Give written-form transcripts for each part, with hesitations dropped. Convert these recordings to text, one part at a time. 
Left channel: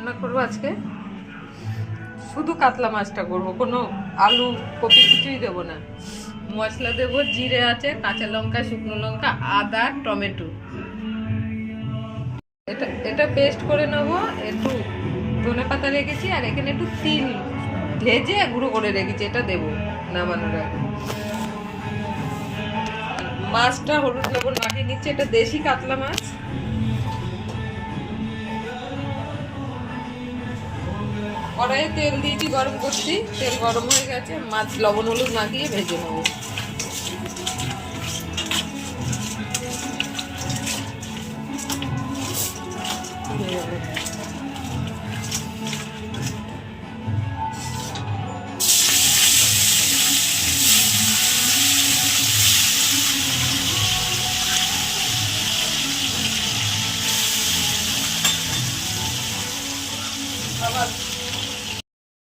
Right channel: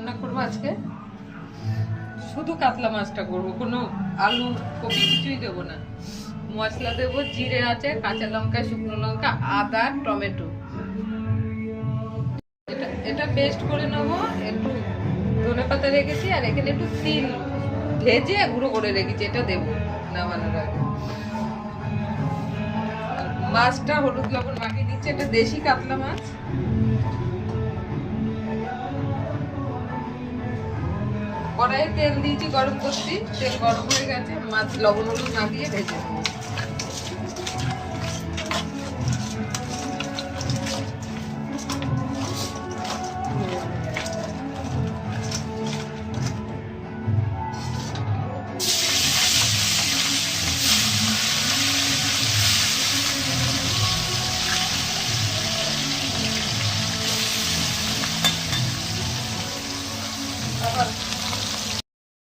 রান্না করবো আজকে, শুধু কাতলা মাছটা করবো, কোনো আলু কপি কিছুই দেবো না। মশলা দেবো, জিরে আছে, কাঁচা লঙ্কা, শুকনো লঙ্কা, আদা, টমেটো। এটা পেস্ট করে নেবো। একটু ধনে পাতা রেখেছি, আর এখানে একটু তিল ভেজে গুঁড়ো করে রেখেছি, এটা দেবো নামানোর আগে। মাছটা হলুদ লবণ মাখিয়ে নিচ্ছে, এটা দেশি কাতলা মাছ। কড়াইয়ে তেল দিয়েছি, গরম করছি, তেল গরম হয়ে গেছে, মাছ লবণ হলুদ মাখিয়ে ভেজে নেবো।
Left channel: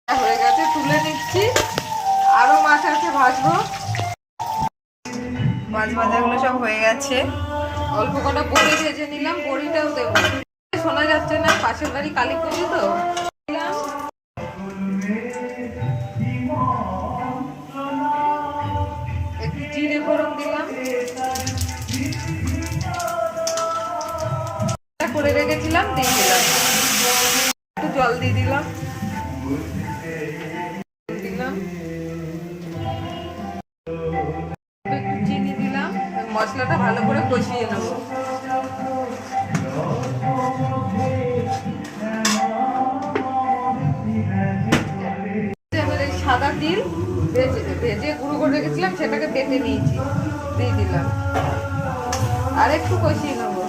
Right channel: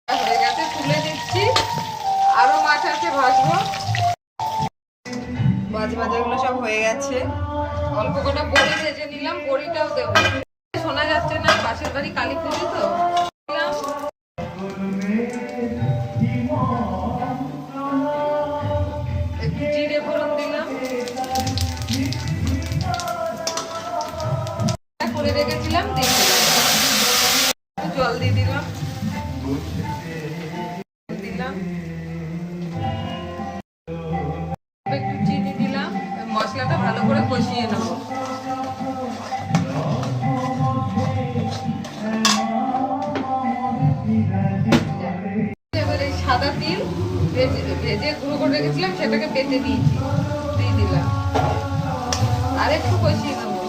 হয়ে গেছে, তুলে নিচ্ছি। আরো মাছ আছে ভাজবো। মাছ ভাজাগুলো সব হয়ে গেছে। অল্প কটা বড়ি ভেজে নিলাম, বড়িটাও দেবো। শোনা যাচ্ছে না, পাশের বাড়ি কালীপুরি তো। একটু জিরে ফোড়ন দিলাম, করে রেখেছিলাম দিয়ে দিলাম। একটু জল দিয়ে দিলাম, একটু চিনি দিলাম। মশলাটা ভালো করে কষিয়ে নেবো। এবারে সাদা তিল ভেজে গুঁড়ো করে রেখেছিলাম, সেটাকে বেটে নিয়েছি, দিয়ে দিলাম। আর একটু কষিয়ে নেবো।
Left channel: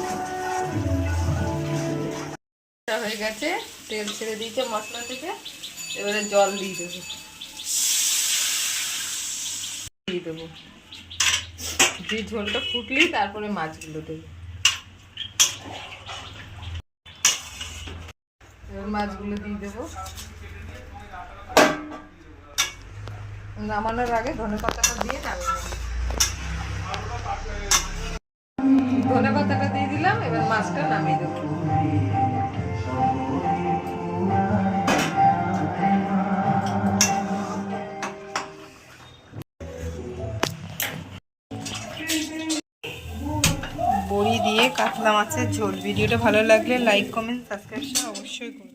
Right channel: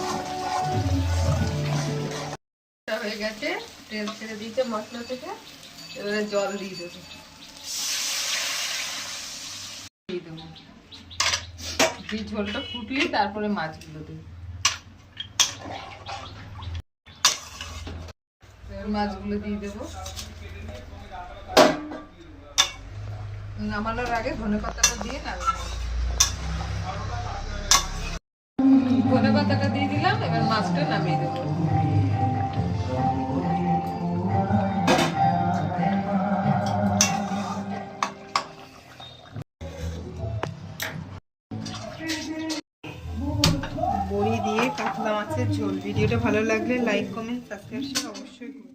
হয়ে গেছে, তেল ছেড়ে দিয়েছে মশলা থেকে। এবারে জল দিয়ে দেবো, দিয়ে ঝোলটা ফুটলেই তারপরে মাছগুলো দেবো। এবার মাছগুলো দিয়ে দেবো। নামানোর আগে ধনে পাতাটা দিয়ে ধনে পাতাটা দিয়ে দিলাম। এবার মাছটা নামিয়ে দেবো। বড়ি দিয়ে কাতলা মাছের ঝোল। ভিডিওটা ভালো লাগলে লাইক, কমেন্ট, সাবস্ক্রাইব অবশ্যই করুন।